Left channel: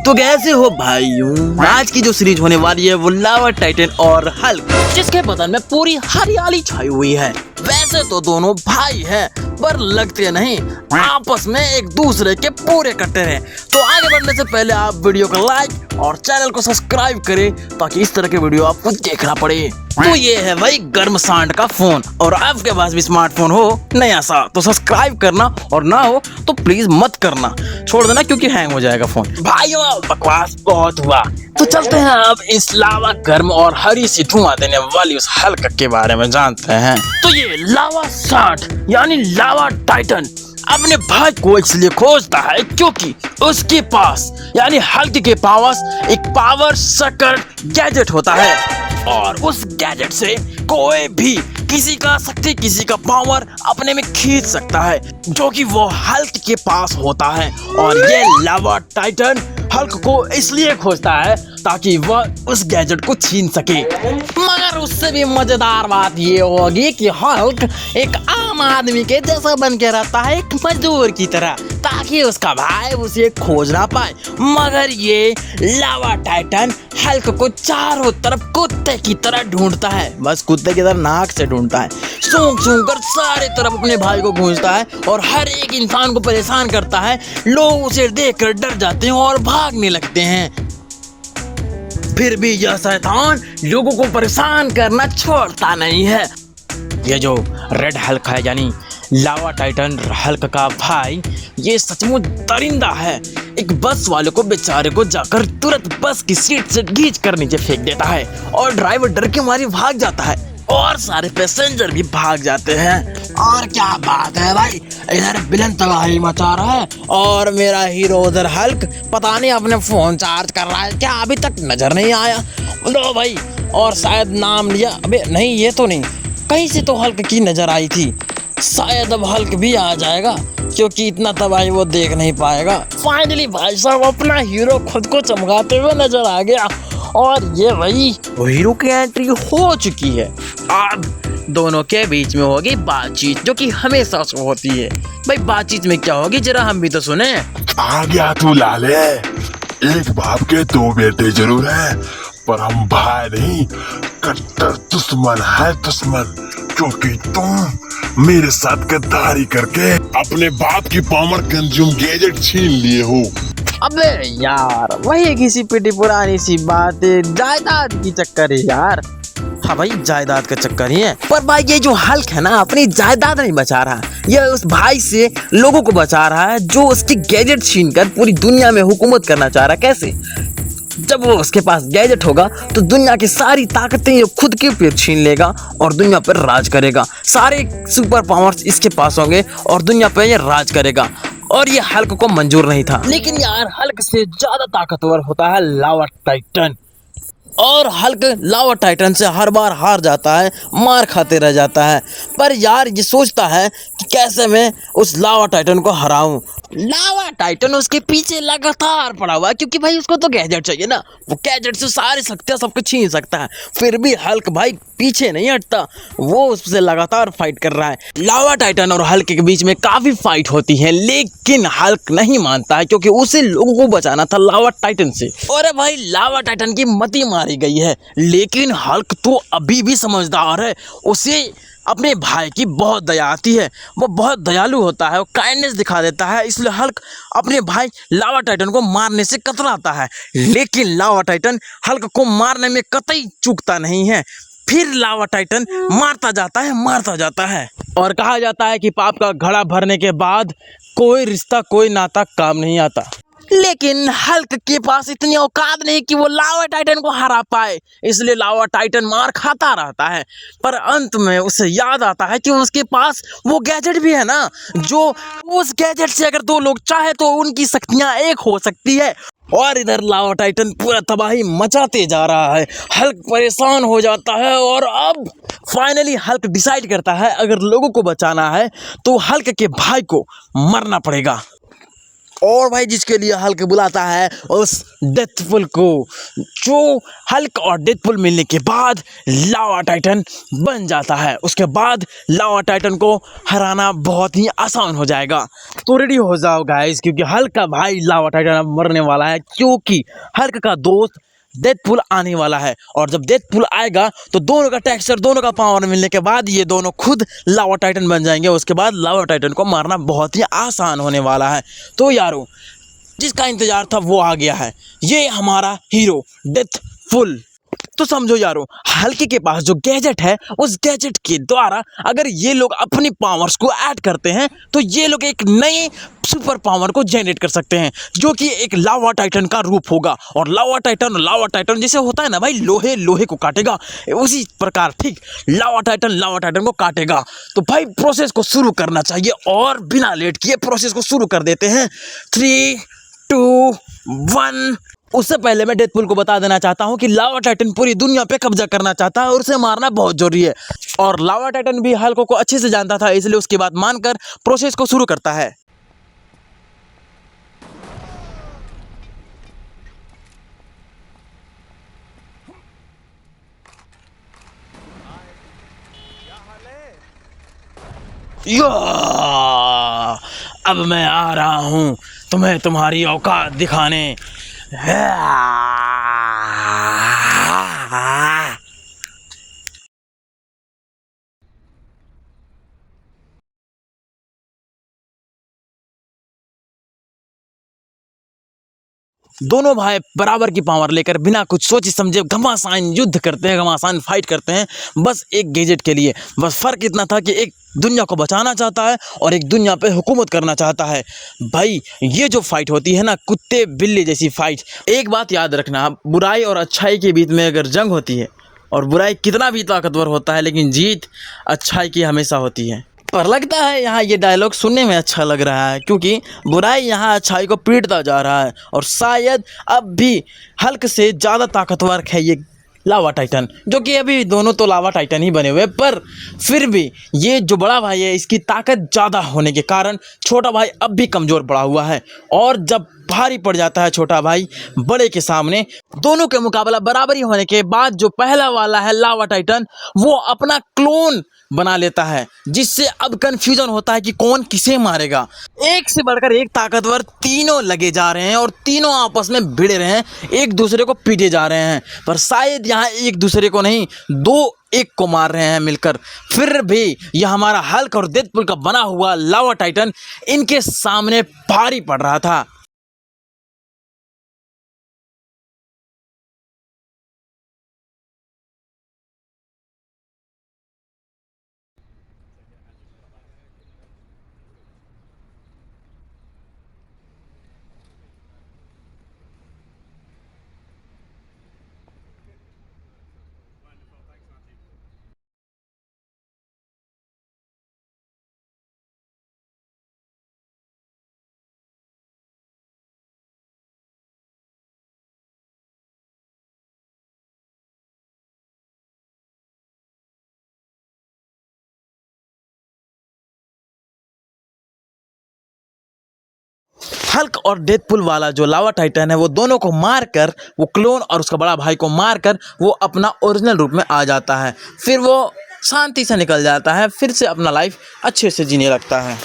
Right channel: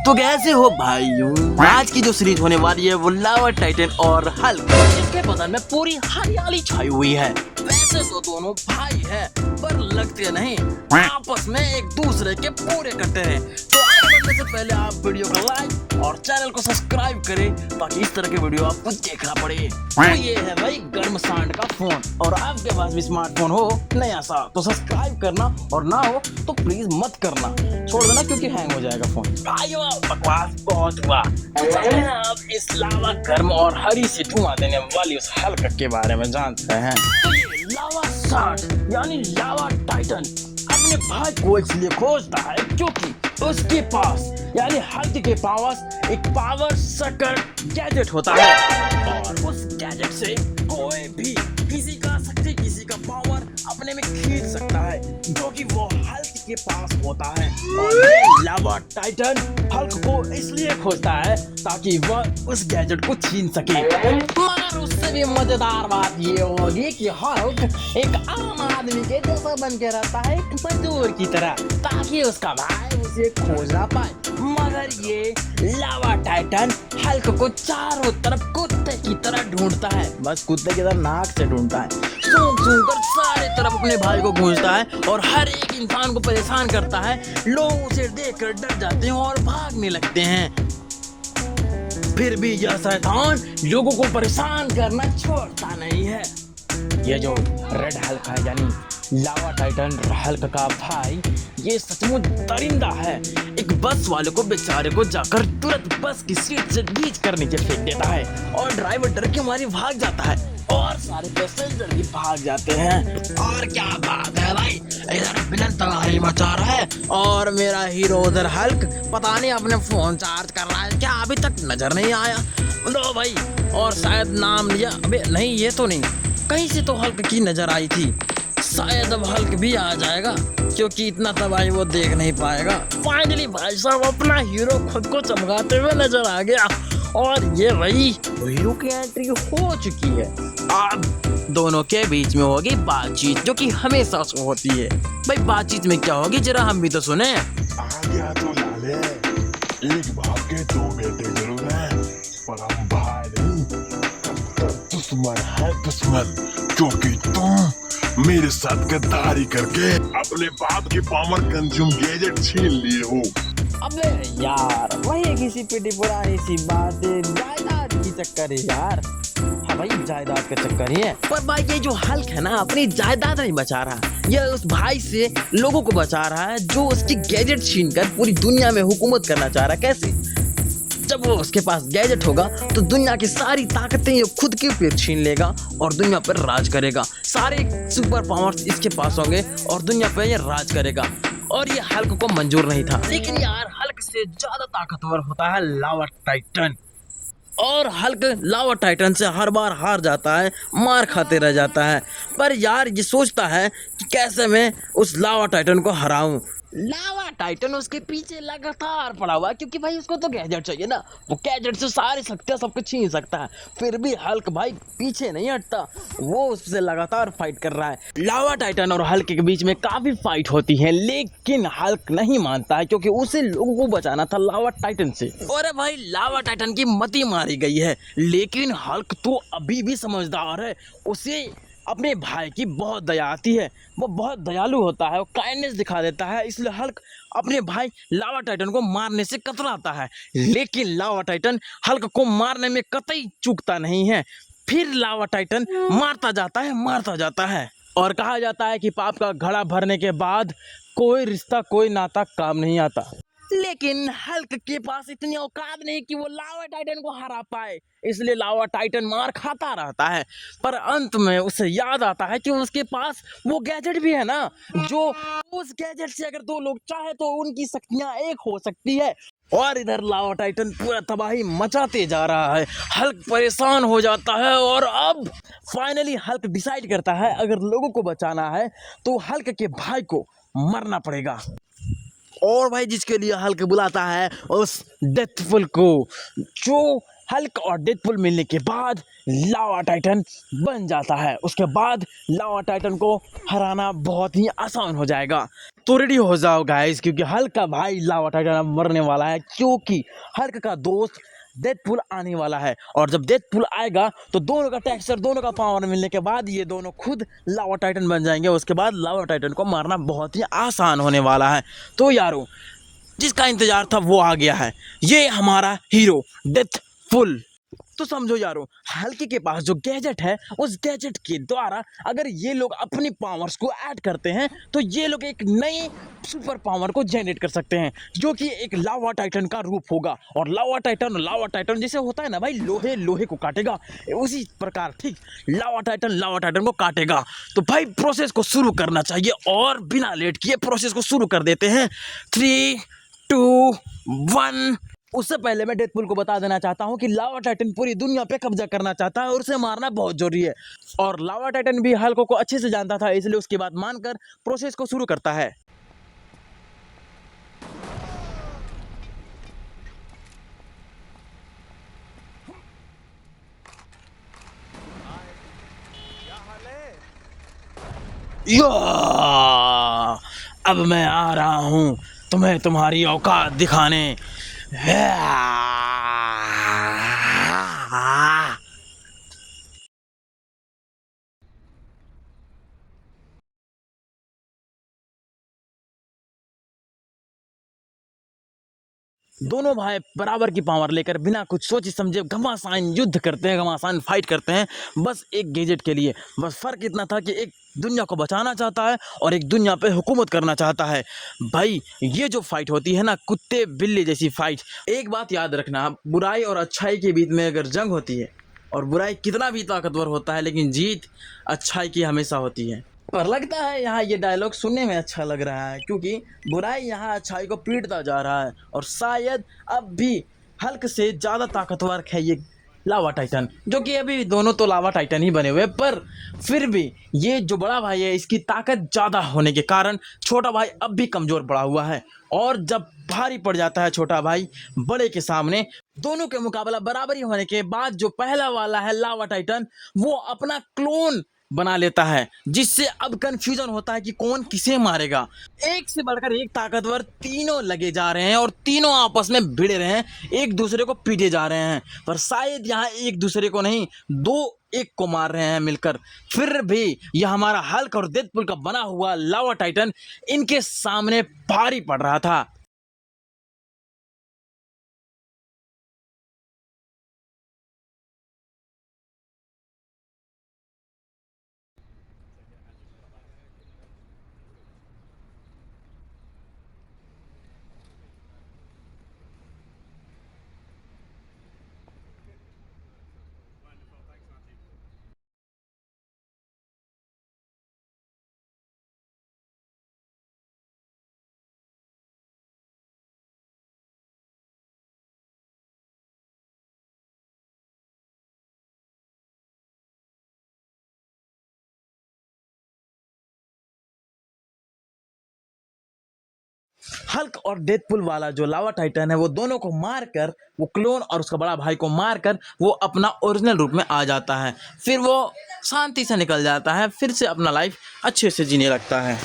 तो कैसे हो भाइयों। आज की जो सीरीज होने वाली है वो लावा टाइटन और हल्क, जिसके बदन में पूरी हरियाली छाई हुई है। वैसे तो दोनों भाई हैं पर लगते नहीं, आपस में एक दूसरे के पूरे कट्टर हैं। तो आगे बढ़ने से पहले आप वीडियो को लाइक और चैनल को सब्सक्राइब करें ताकि इस तरह के वीडियो आपको देखना पड़े। तो ये है भाई गर्म सांड का फोन, और आपके पास भी स्मार्टफोन हो नया सा तो सब्सक्राइब करना, और ना हो तो प्लीज मत करना, छोड़ देना क्योंकि हैंग हो जाएगा फोन। भाइयों बकवास बहुत हुआ, तो चलते हैं अब इस लावा गर्म और हरी सी धुआं देने वाली उस हल्क के बारे में जानते हैं। तो ये लावा सांड यानी लावा टाइटन अपने भाई को इसलिए खोजता है क्योंकि उसके पास यानी हल्क के पास एक पावर सकर गैजेट होता है, और उस गैजेट से कोई भी किसी का शक्ति किसी का पावर अपने में खींच सकता है, जो कि वो हल्क के पास होता है। और ये लावा टाइटन हल्क को इसलिए खोजता है ताकि वह उस गैजेट को छीन सके। मगर उससे भी मजेदार बात ये होगी कि हल्क एक आम आदमी के जैसा बन के रहता है, एक मजदूर की तरह, ताकि उसका भाई उसे खोज ना पाए। मगर ये लावा टाइटन हल्क को चारों तरफ कुत्ते की तरह ढूंढता है, बस कुत्ते की तरह नाक से ढूंढता है, सूंघ सूंघ कर सारे तरफ अपने भाई को गूंजता है और हर एक इंसान को परेशान करता है। लोग उसे देखकर डर जाते हैं और भागने लगते हैं। फिर भी यह शैतान लोगों को परेशान करना छोड़ता नहीं है। ये जो रेड हल्क है यानी लावा टाइटन हल्क का भाई, ये सचमुच दरिंदा है। एक बस वाले को बेचारे को जाकर तुरंत बस की सीट से खींच कर नीचे फेंक देता है, और ड्राइवर डर के मारे भाग जाता है, और सारे पैसेंजर भी भाग जाते हैं। और क्या बात है भाई, इधर विलन तबाही मचा रहा है और मेरा हीरो उधर हल्क पता नहीं अपने फोन चार्ज कर रहा है क्या, अभी तक नजर नहीं आया। लो भाई, और शायद नाम लिया, अबे नहीं ये तो नहीं, कहीं से तो हल्क की नजर आई थी, शायद अब हल्क भी आ जाएगा क्योंकि इतना तबाही वो देख नहीं पाएगा। फाइनली भाई साहब अपना हीरो खुद को चमकाते हुए नजर आ गया, और ये भाई वो हीरो की एंट्री हो चुकी है। अब दोनों के बीच में होगी बातचीत, जो कि हमेशा से होती है। भाई बातचीत में क्या होगी जरा हम भी तो सुने। आ गया तू लाले, एक बाप के दो बेटे जरूर है पर हम भाई नहीं, कट्टर दुश्मन है दुश्मन, क्योंकि तुम मेरे साथ गद्दारी करके अपने बाप की पावर कंज्यूम गैजेट छीन लिए हो। अबे यार वही किसी पिटी पुरानी सी बात है, जायदाद की चक्कर है यार। हाँ भाई जायदाद का चक्कर ही है, पर भाई ये जो हल्क है ना अपनी जायदाद नहीं बचा रहा, यह उस भाई से लोगों को बचा रहा है जो उसकी गैजेट छीन कर पूरी दुनिया में हुकूमत करना चाह रहा है। कैसे? जब वो उसके पास गैजेट होगा तो दुनिया की सारी ताकतें ये खुद के ऊपर छीन लेगा और दुनिया पर राज करेगा। सारे सुपर पावर्स इसके पास होंगे और दुनिया पर ये राज करेगा, और ये हल्क को मंजूर नहीं था। लेकिन यार हल्क से ज्यादा ताकतवर होता है लावा टाइटन, और हल्क लावा टाइटन से हर बार हार जाता है, मार खाते रह जाता है। पर यार ये सोचता है कि कैसे मैं उस लावा टाइटन को हराऊं। लावा टाइटन उसके पीछे लगातार पड़ा हुआ है क्योंकि भाई उसको तो गैजेट चाहिए ना, वो गैजेट से सारी शक्तियां सबको छीन सकता है। फिर भी हल्क भाई पीछे नहीं हटता, वो उससे लगातार फाइट कर रहा है। लावा टाइटन और हल्क के बीच में काफी फाइट होती है, लेकिन हल्क नहीं मानता है क्योंकि उसे लोगों को बचाना था लावा टाइटन से। और भाई लावा टाइटन की मती मारी गई है, लेकिन हल्क तो अभी भी समझदार है, उसे अपने भाई की बहुत दया आती है, वो बहुत दयालु होता है, वो काइंडनेस दिखा देता है। इसलिए हल्क अपने भाई लावा टाइटन को मारने से कतराता है, लेकिन लावा टाइटन हल्क को मारने में कतई चूकता नहीं है। फिर लावा टाइटन मारता जाता है, और कहा जाता है कि पाप का घड़ा भरने के बाद कोई रिश्ता कोई नाता काम नहीं आता। लेकिन हल्क के पास इतनी औकात नहीं कि वो लावा टाइटन को हरा पाए, इसलिए लावा टाइटन मार खाता रहता है। पर अंत में उसे याद आता है कि उसके पास वो गैजेट भी है ना, जो उस गैजेट से अगर दो लोग चाहे तो उनकी शक्तियां एक हो सकती है। और इधर लावा टाइटन पूरा तबाही मचाते जा रहा है, हल्क परेशान हो जाता है, और अब फाइनली हल्क डिसाइड करता है अगर लोगों को बचाना है तो हल्क के भाई को मरना पड़ेगा। और भाई जिसके लिए हल्क बुलाता है उस डेथपुल को, जो हल्क और डेथपुल मिलने के बाद लावा टाइटन बन जाता है। उसके बाद लावा टाइटन को हराना बहुत ही आसान हो जाएगा। तो रेडी हो जाओ गाइस, क्योंकि हल्क का भाई लावा टाइटन अब मरने वाला है, क्योंकि हल्क का दोस्त डेथपुल आने वाला है। और जब डेथपुल आएगा तो दोनों का टेक्सचर, दोनों का पावर मिलने के बाद ये दोनों खुद लावा टाइटन बन जाएंगे। उसके बाद लावा टाइटन को मारना बहुत ही आसान होने वाला है। तो यारों, जिसका इंतजार था वो आ गया है, ये हमारा हीरो डेथपुल। तो समझो यारों, हल्के के पास जो गैजेट है, उस गैजेट के द्वारा अगर ये लोग अपनी पावर्स को ऐड करते हैं तो ये लोग एक नए सुपर पावर को जनरेट कर सकते हैं, जो कि एक लावा टाइटन का रूप होगा। और लावा टाइटन जैसे होता है ना भाई, लोहे लोहे को काटेगा, उसी प्रकार ठीक लावा टाइटन को काटेगा। तो भाई प्रोसेस को शुरू करना चाहिए, और बिना लेट किए प्रोसेस को शुरू कर देते हैं। 3, 2, 1। उससे पहले मैं डेडपुल को बता देना चाहता हूं कि लावा टाइटन पूरी दुनिया पे कब्जा करना चाहता है और उसे मारना बहुत जरूरी है। और लावा टाइटन भी हल्क को अच्छे से जानता था, इसलिए उसकी बात मानकर प्रोसेस को शुरू करता है। या अब मैं आ रहा हूं तुम्हें तुम्हारी औकात दिखाने। दोनों भाई बराबर की पावर लेकर बिना कुछ सोचे समझे घमासान युद्ध करते हैं, घमासान फाइट करते हैं, बस एक गैजेट के लिए। बस फर्क इतना था कि एक दुनिया को बचाना चाहता है और एक दुनिया पे हुकूमत करना चाहता है। भाई ये जो फाइट होती है ना, कुत्ते बिल्ली जैसी फाइट। एक बात याद रखना, बुराई और अच्छाई के बीच में अगर जंग होती है, और बुराई कितना भी ताकतवर होता है, लेकिन जीत अच्छाई की हमेशा होती है। पर लगता है यहाँ ये डायलॉग सुनने में अच्छा लग रहा है, क्योंकि बुराई यहाँ अच्छाई को पीटता जा रहा है। और शायद अब भी हल्क से ज़्यादा ताकतवर है ये लावा टाइटन, जो कि अभी दोनों तो लावा टाइटन ही बने हुए, पर फिर भी ये जो बड़ा भाई है, इसकी ताकत ज़्यादा होने के कारण छोटा भाई अब भी कमज़ोर पड़ा हुआ है। और जब भारी पड़ जाता है छोटा भाई बड़े के सामने, दोनों के मुकाबला बराबरी होने के बाद जो पहला वाला है लावा टाइटन, वो अपना क्लोन बना लेता है, जिससे अब कंफ्यूजन होता है कि कौन किसे मारेगा। एक से बढ़कर एक ताकतवर तीनों लगे जा रहे हैं और तीनों आपस में भिड़ रहे हैं, एक दूसरे को पीटे जा रहे हैं। पर शायद यहाँ एक दूसरे को नहीं, दो एक को मार रहे हैं मिलकर। फिर भी यह हमारा हल्क और डेडपुल का बना हुआ लावा टाइटन इनके सामने भारी पड़ रहा था। हल्क और डेडपुल वाला जो लावा टाइटन है, वो दोनों को मारकर, वो क्लोन और उसका बड़ा भाई को मारकर वो अपना ओरिजिनल रूप में आ जाता है। फिर वो शांति से निकल जाता है, फिर से अपना लाइफ अच्छे से जीने लगता है।